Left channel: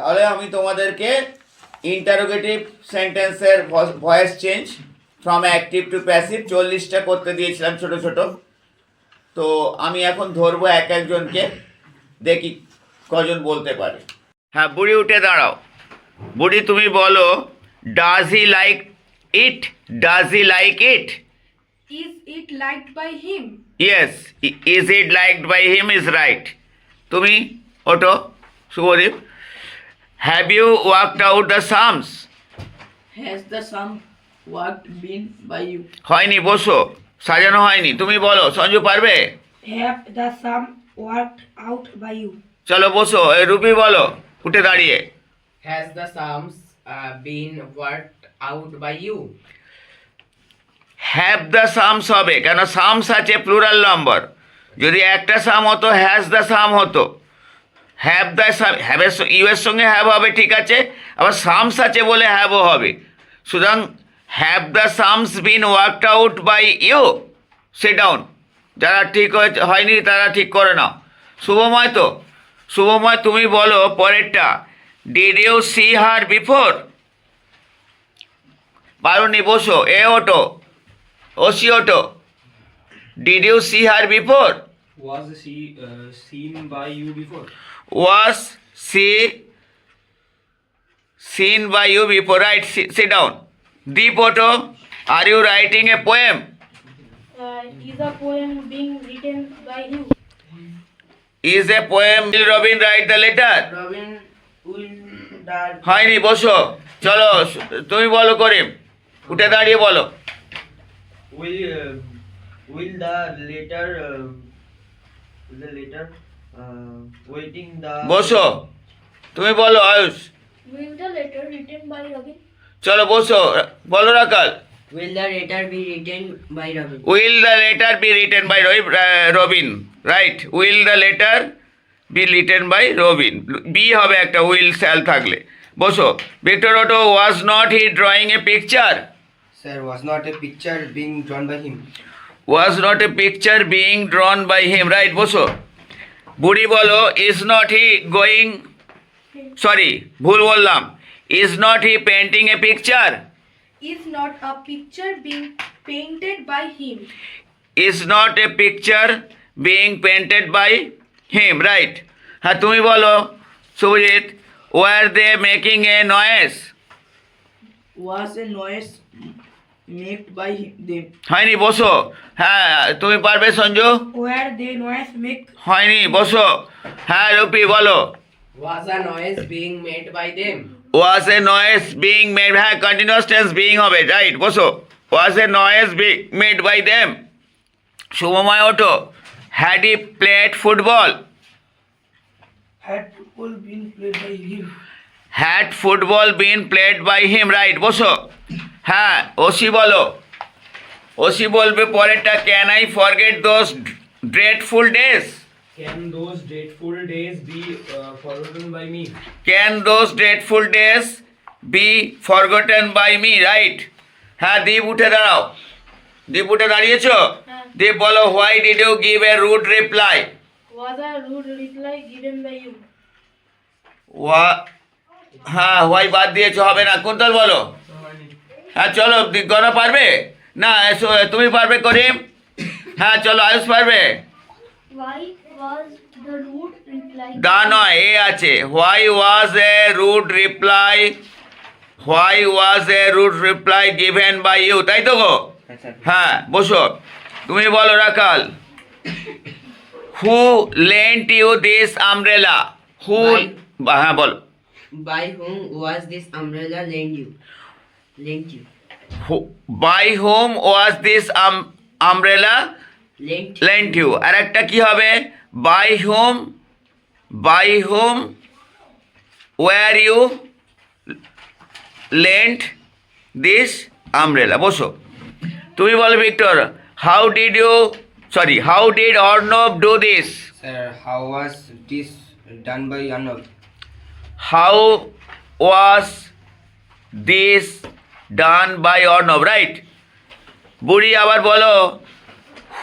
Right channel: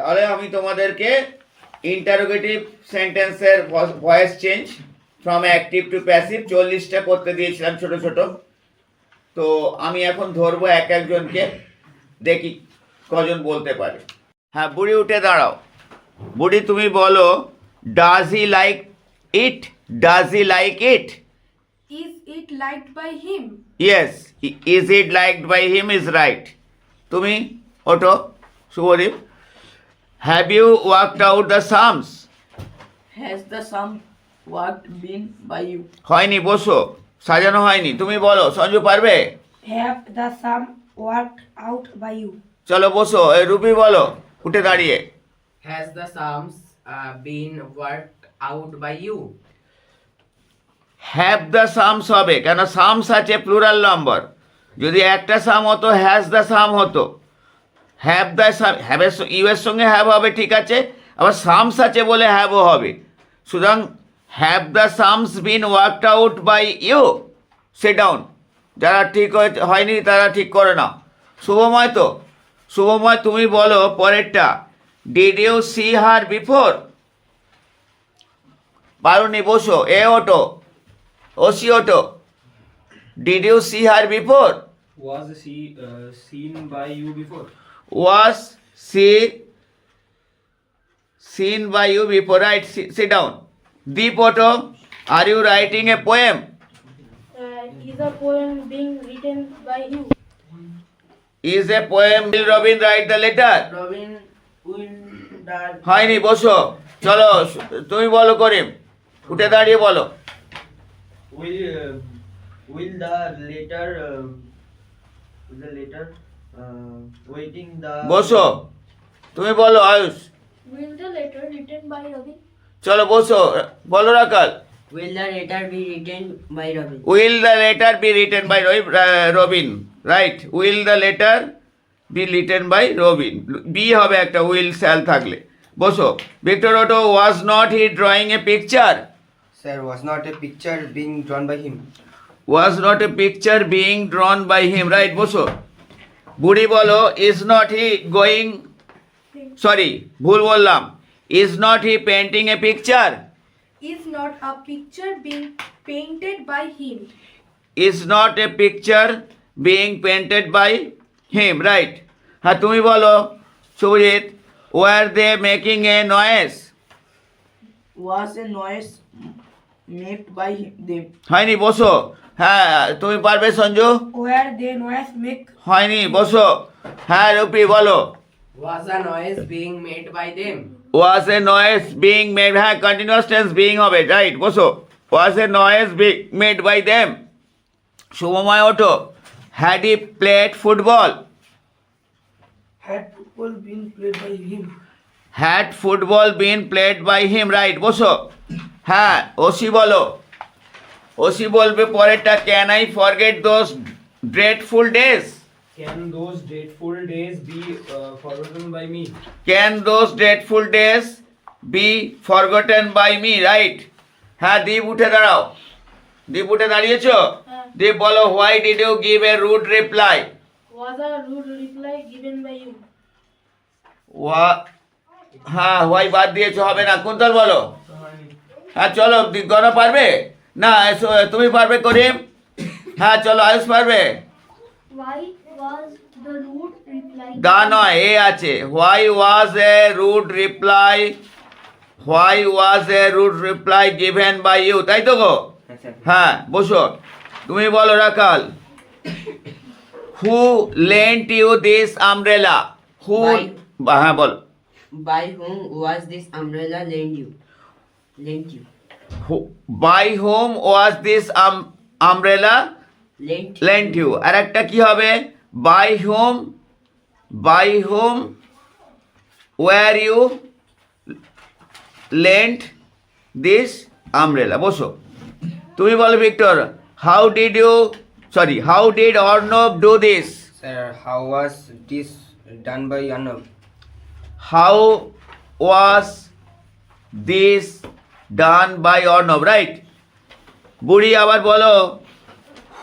তাহলে আমি তোমাদেরকে ইন্টারোগেটিভ সেন্টেন্সের voice change from active to passive 40টা করতে দিয়েছিলাম ছোট ছোট। তো আমি এখন ধরবো এক একজনকে, দেখি কজন বলতে পারে। হ্যাঁ, বুড়ি উঠে দাঁড়াও। বুড়ি তুমি বলো, does he like it? Does he like it? Is it liked by him? Yes, is it liked by him is right. তুমি ওটো Shubhadeep. Have you worked out the sums? Has the sum worked been by you? হয়নি, বসো, সাজানো হয়নি। তুমি বলো, সঞ্জু পারবে? Have the sum worked out by you? চলো বসো। এই রুবি বলো উঠে দাঁড়িয়ে। Has the sums been worked out by you? Have the sums হবে কেন? সামস আছে প্লুরাল নম্বর। যদি একটা সাম হতো হ্যাজ দ্য সাম হতো। হ্যাভ দ্য সাম, হ্যাভের ইউ এর সঙ্গে হ্যাভ হবে, ঠিক আছে। আবার সামস আছে বলে হ্যাভও হবে। সুতরাং have the sums been worked out by you? Sit down. যারা ঠিক হয়নি তারা ঠিক করে নাও। শুভময় তো, শুভময় তুমি বলো পরেরটা। Did you see her before? পারুনি, বসো। এ ওটো, ওসি ওটো। Did you see her before? Was she seen by you before? Was she seen by you before? Right, sit down. Deep Otto, are you writing a poem? Is a poem being written by you? Is a poem? Will Robin write the letter? Robin will die. হয়নি, বসো। চলো তুমি বলো করিম, উঠে দাঁড়িয়ে বলো। Will the letter waiting the বসো, তুমি বলো Ayush. Will the letter written by Robin? চলো বসো, বলো রাকাল। Will the letter be written by Robin? Will the letter be written by Robin? Right. Will the letter be written by Robin? Be হবে একটা, will shall থাকলে। বসো। Victor অটো, was not he drawing a picture? Sir, was not a picture being drawn by him? Was not a picture being drawn by him? Right. বসো। বুড়ি বলো, is not he going, sorry ভুল বললাম, is not he painting a picture? Is not a picture being painted by him? Is not a picture being painted by him? Right. হ্যাঁ তুমি বলো Subhajit, were they making a noise? Was a noise made by them? হয়নি, বসো। হ্যাঁ তুমি পারবে Sanju. Where they noise make? হয়নি, বসো। হ্যাঁ রুপি বলো। Was a noise being made by them? was a noise being made, হ্যাঁ কন্টিনিউয়াস টেন্স বিইং হবে, রাইট। বসো। was a noise being made by them? Shubhamoy ওঠো। had he played football? Had football been played by him? had football been played by him? Right. বসো। হ্যাঁ OC বলো। OC বলবে পরেরটা, can I forget those dreadful days? Can those dreadful days be forgotten by me? Can those dreadful days be forgotten by me? Right. হ্যাঁ দীপ উঠে দাঁড়াও। দীপ উঠে দাঁড়িয়েছো? দীপ বলো, why did you give a rude reply? Was a rude reply given by you? হ্যাঁ why বাদ দিয়েছো, হবে না। কুন্তল বলো। হ্যাঁ চলো, গণা পারবে না? তুমি পারবে করিম? হ্যাঁ চলো, আয়ুষ পারবে? Why was the rude reply? দা নয়, এ আছে। why was a rude reply, why was a rude reply given by you? তাই তো গো? হ্যাঁ বসো। তুমি বলো রাকাল, who lent you this umbrella? who, হ্যাঁ বলো। By whom was this umbrella lent you? by whom was this umbrella lent you? আর একটা কি হবে? by whom were you lent this umbrella? বসো। তুমি বলো Victor, how did Arnav do this? Sir, how was this done by Arnav? how was this done by Arnav? Right. বুড়ি আবার বলো,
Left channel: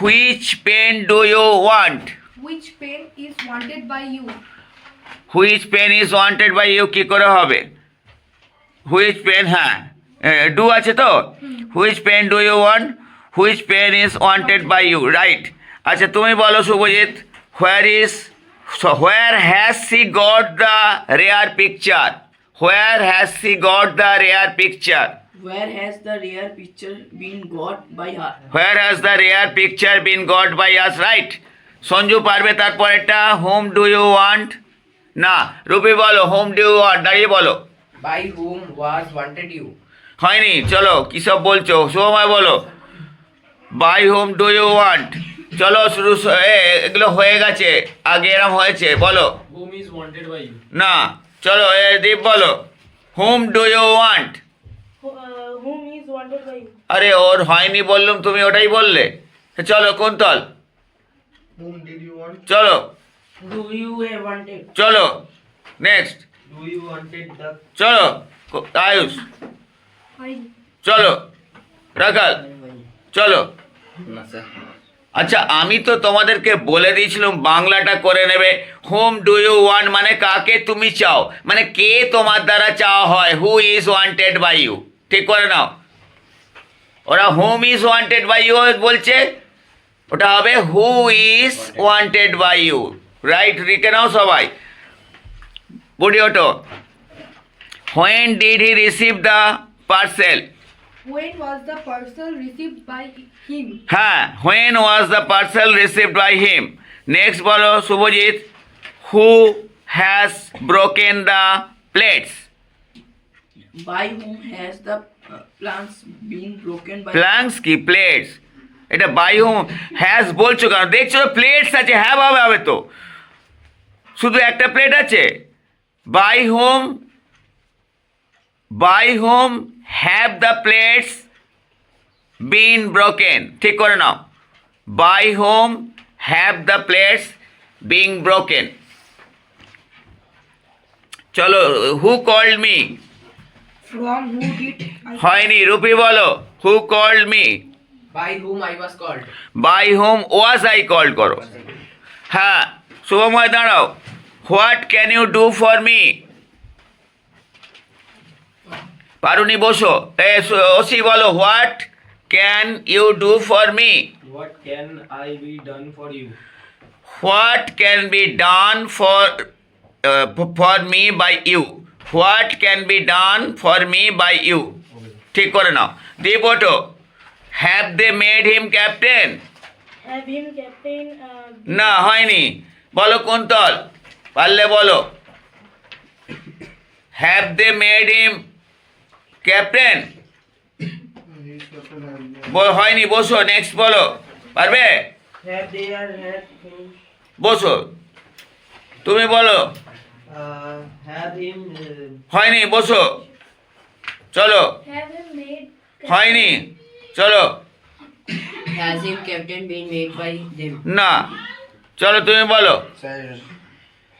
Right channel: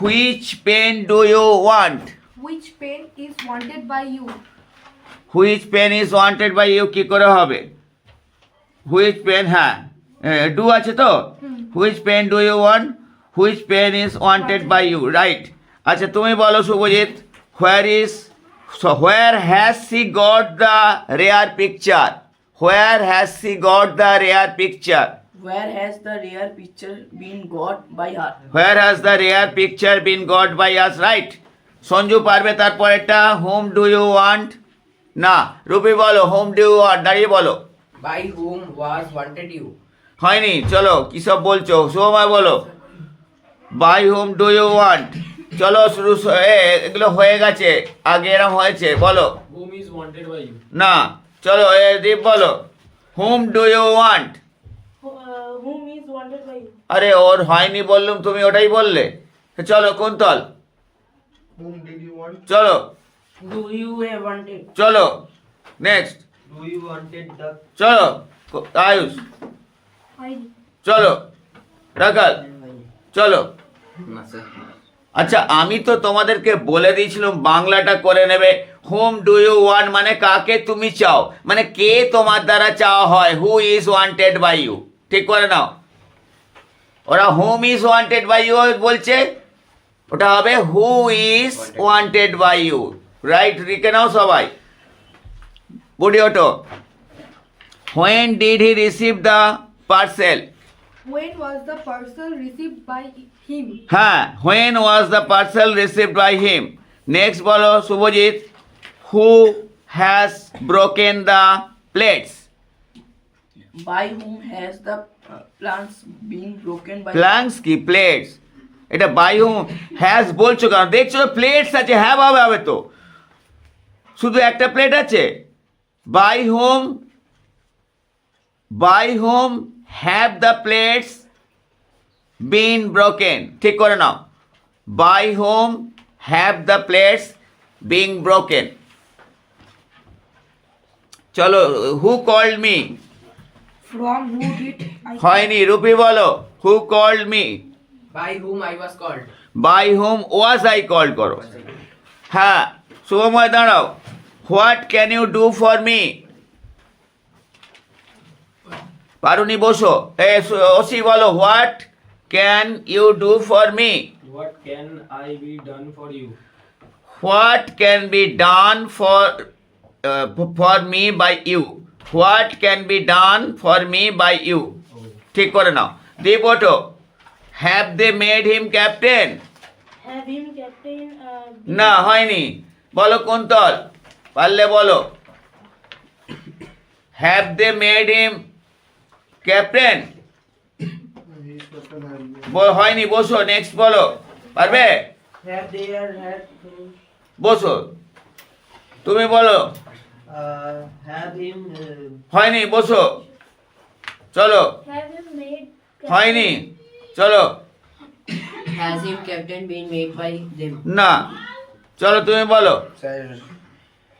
which pen do you want? Which pen is wanted by you? Which pen is wanted by you কী করে হবে? Which pen, হ্যাঁ do আছে তো, which pen do you want, which pen is wanted by you, right. আচ্ছা তুমি বলো Shubhajit, where has she got the rare picture, where has she got the rare picture, Where has the rare picture been got by her? Where has the rare picture been got by us, right. Sanju পারবে তারপরেরটা, home do you want, না rupee বলো whom do you want, দাঁড়িয়ে বলো। By whom was wanted you? হয়নি, চলো কী সব বলছো, শুভময় বলো by whom do you want, চলো শুরু, এগুলো হয়ে গেছে, আগে এরম হয়েছে, বলো। Whom is wanted by you? না চলো দীপ বলো whom do you want, Whom is wanted by you? আরে ওর হয়নি বললুম, তুমি ওটাই বললে, চলো কুন্তল চলো, Do you wanted? চলো next, Do you wanted the চলো আয়ুষ, I. চলো রাখাল, চলো। না স্যার। আচ্ছা আমি তো তোমাদেরকে বলে দিয়েছিলাম বাংলাটা করে নেবে, হোম ডু ইউ ওয়ান্ট মানে কাকে তুমি চাও, মানে কে তোমার দ্বারা চাওয়া হয়, who is wanted by you, ঠিক করে নাও। ওরা whom is wanted by you বলছে, ওটা হবে who is wanted by you, right, লিখে নাও সবাই। বুড়ি ওটো, when did he receive the parcel, When was the parcel received by him? হ্যাঁ when was the parcel received by him. Next বলো Shubhajit, who has broken the plates, By whom has the plants been broken by? Planks কি plates, এটা by whom has বলছো কেন, দেখছো plates আছে, হ্যাঁ হবে তো, শুধু একটা প্লেট আছে, by whom have the plates been broken, ঠিক করে নাও, by whom have the plates being broken. চলো who called me, From who did I? হয়নি, রুপি বলো who called me, By whom I was called? By whom was I call করো, হ্যাঁ শুভময় দাঁড়াও, what can you do for me, পারুনি বসো, ওসি বলো what can you do for me, what can I be done for you? What can be done for me by you, what can be done for me by you, ঠিক করে নাও। দীপ ওটো, have they made him captain, Have him captain. না হয়নি, বলো কুন্তল পারলে বলো, have they made him captain, হয়নি, বসো নেক্সট বলো, পারবে, Have they had বসো তুমি বলো, have him হয়নি, বসো চলো, Have him made. হয়নি, চলো has him captain been made by them? না, চলো তুমি বলো, sir,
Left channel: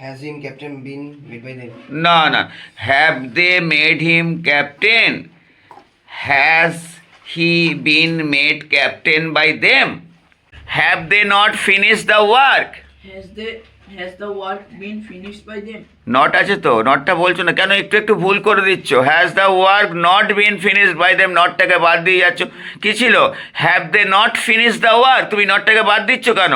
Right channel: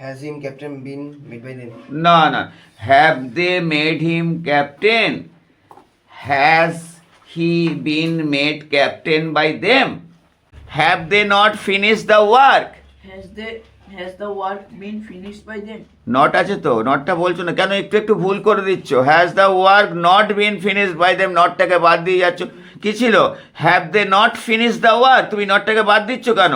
has him captain been made by them. না না, have they made him captain, has he been made captain by them, have they not finish the work, Has the work been finished by them? Not আছে তো, নটটা বলছো না কেন, একটু ভুল করে দিচ্ছ, has the work not been finished by them, নটটাকে বাদ দিয়ে যাচ্ছ, কি ছিল have they not finish the work, তুমি নটটাকে বাদ দিচ্ছ কেন,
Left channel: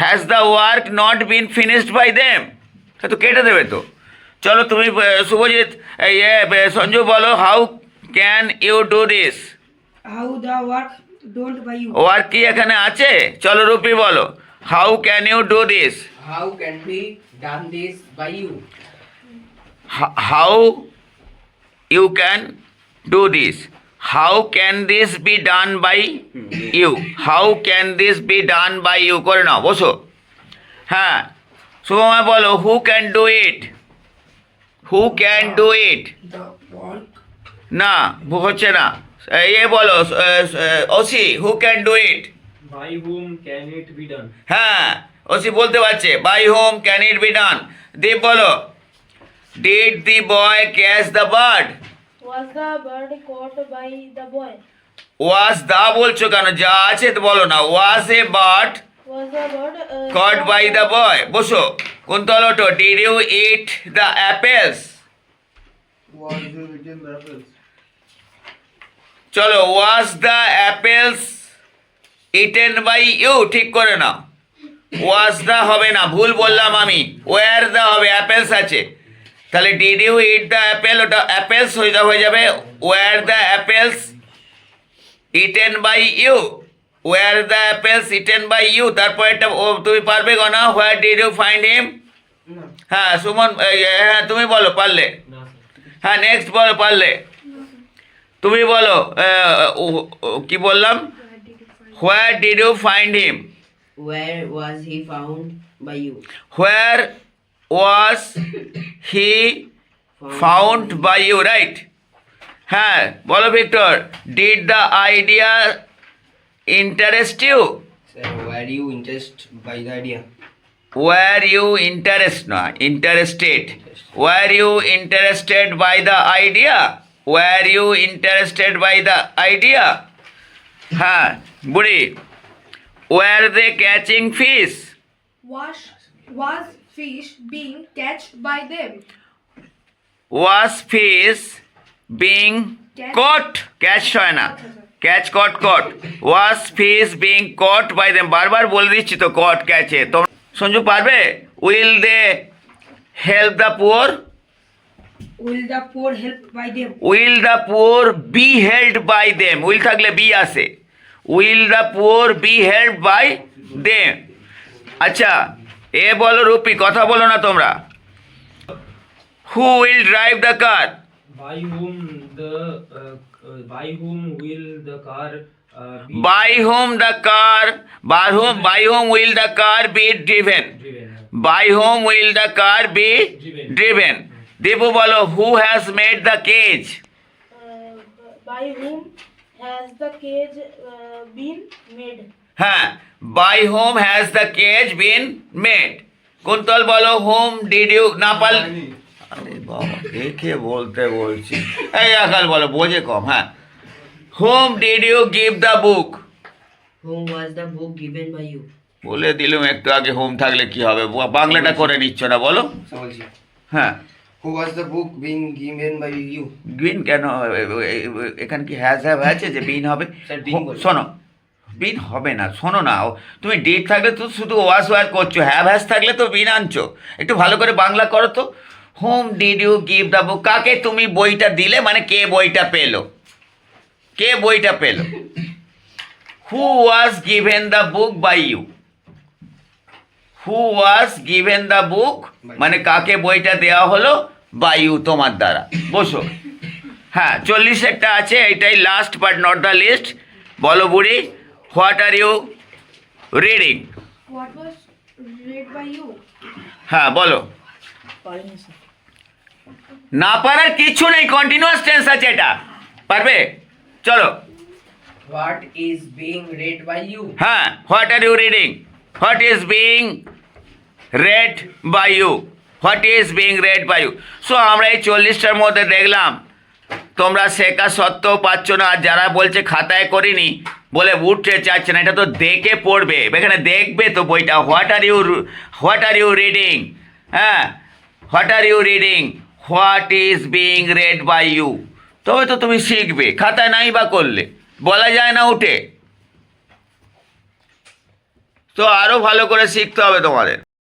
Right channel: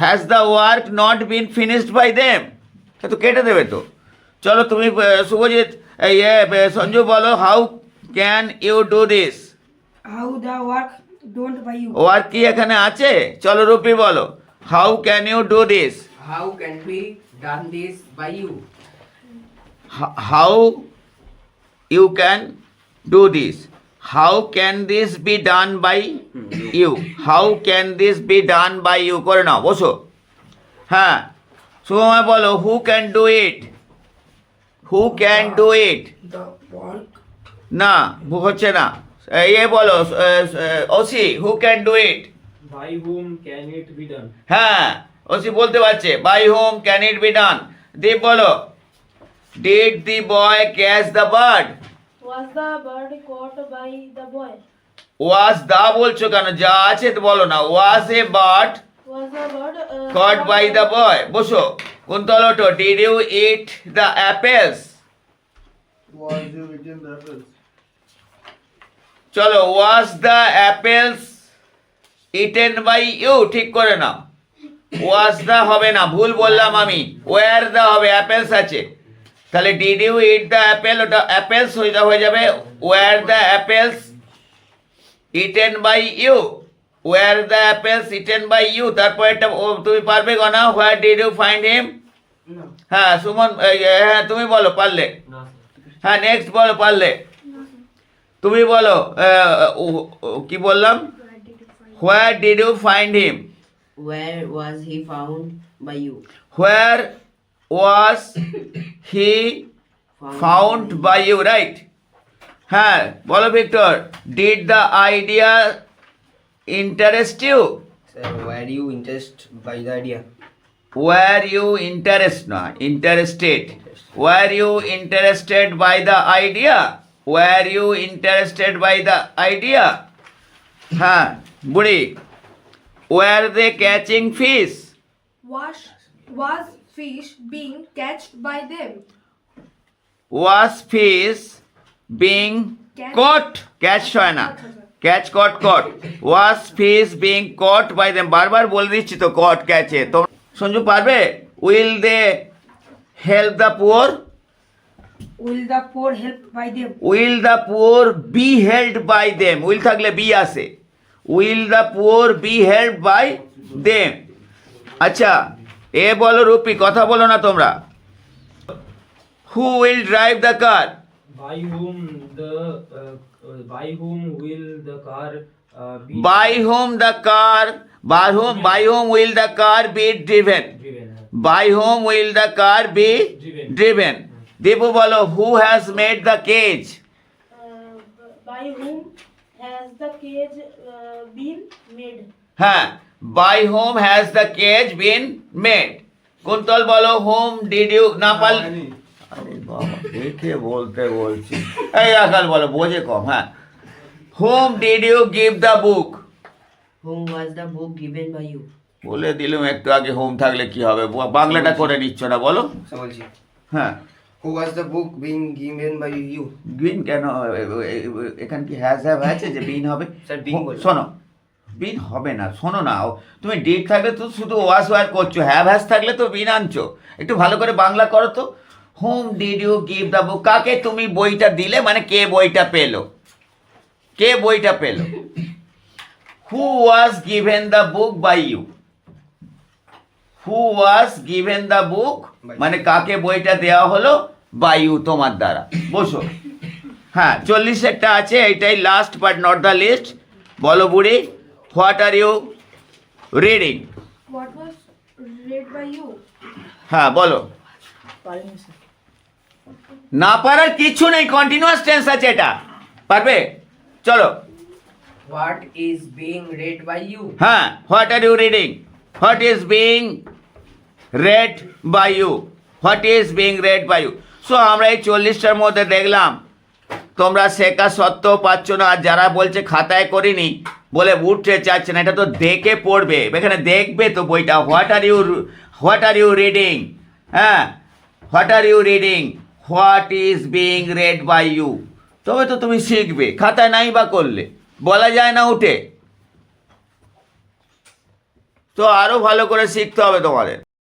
has the work not been finished by them, তো কেটে দেবে তো। চলো তুমি শুভজিৎ সঞ্জু বলো, how can you do this, How the work done by you? Work কি এখানে আছে, চলো রুপি বলো, how can you do this, How can be done this by you? how you can do this, how can this be done by you, how can this be done by you করে নাও, বসো, হ্যাঁ শুভময় বলো, who can do it, who can do it, The work না হচ্ছে না, বলো OC, who can do it, By whom can it be done? হ্যাঁ ওসি বলতে পারছে, by whom can it be done. Deep বলো, did the boy catch the bird, Was the bird caught by the boy? Was the বলছো কেন, যা আছে তো বলো না, was a bird Was the bird caught by the boy. বসো কুন্তল ওঠো। Did you eat the apples? Was you eating the apples? চলো, was the apples eaten by you? ঠিক করে না, was the হবে না, ভুল বললাম আমি, where the হবে, apples আছে, তাহলে did you eat the apple, ওটা apples হয়ে যাবে where the apples eaten by you, where the apples eaten by you। তারপর এটা তুমি পারবে গনা, where did you find him? No. হ্যাঁ সুমন, হ্যাঁ তুমি বলো পারলে, হ্যাঁ নেক্সট বলো পারলে, তুমি বলো কি বললাম, where did you find him? Where was he found by you? Where was he found by you, right? হ্যাঁ বলো Victor, did the idea interest you? Sir, were you interested by the idea? Were you interested? Were you interested by the idea? Were you interested by the idea? হ্যাঁ বুড়ি, were they catching fish? was fish being catched by them? Was fish being caught? Catch হয় না, catch caught caught. Was fish being caught by them? বারবার বলে দিচ্ছি তো caught catch এ। তোমরা সঞ্জু পারবে? Will they help the poor? Will the poor help by them? Will the poor be helped by them? Will থাকলে be আসে। Will the poor be helped by them? আচ্ছা এ বলো রূপি, কথা বলো না তোমরা। Who will drive the car? By whom will the car be By whom will the car be driven? driven? By whom will the car be driven? Debu বলো, who has made the cage? By whom has the cage been made? হ্যাঁ, by whom has the cage been made? Kuntal বলো, whom did you না পাল, আরে বাবা দেখে বলতে বলছি, এই আকাল বলো, বোঝে কম। হ্যাঁ, whom did you give the book? Whom was the book given by you? বলে দিলাম একটু আগে, হোম থাকলে কি হবে, বাংলাটা করে নিচ্ছ না বলো। So, বলছি, হ্যাঁ who was the book being given by you? বিন কেন, এখানে কি হ্যাজ আছে যে বিন হবে? স্যার, being বলছি। শোনো, বিন হবে না, শোনো না, তুমি ডিড থাকলে তো শুধু ওয়াস ওয়ার করছো, হ্যাজ থাকলে তো বিন আনছো। একটু ভালো করে বাংলা করো তো। Whom did you give the book, কাকে তুমি বইটা দিলে, মানে কে বইটা পেলো, কে বইটা পেলো। Who was given the book by you, who was given the book মানে কাকে বইটা দেওয়া হলো, বাই ইউ তোমার দ্বারা। বসো। হ্যাঁ 40 আছে, এইটাই last but not the least. বলো বুড়ি, what are you reading? What was read by you? হ্যাঁ বলো। না পারার কিছু নেই, কন্টিনিউয়াস টেন্স আছে এটা, পারবে? চলো। What is being read by you? হ্যাঁ, what are you reading? What is being read by you? What is being read by you? So আমরা এই 40টার মধ্যে দেখলাম তোমরা শেখা সত্ত্বেও পাচ্ছ না, আর যারা বলছে খাতায় করিনি বলে উঠতে চাচ্ছে না, এটা তো দেখে পড়বে, এখানে দেখবে তো বইটা। What are you reading? হ্যাঁ, what are you reading? What is being read by you? তবে তো তুমি শিখবে, খাতা নাই বা করলে বলা যায় না উঠে। তো আরও ভালো করে শিখতে হবে তোমাদের।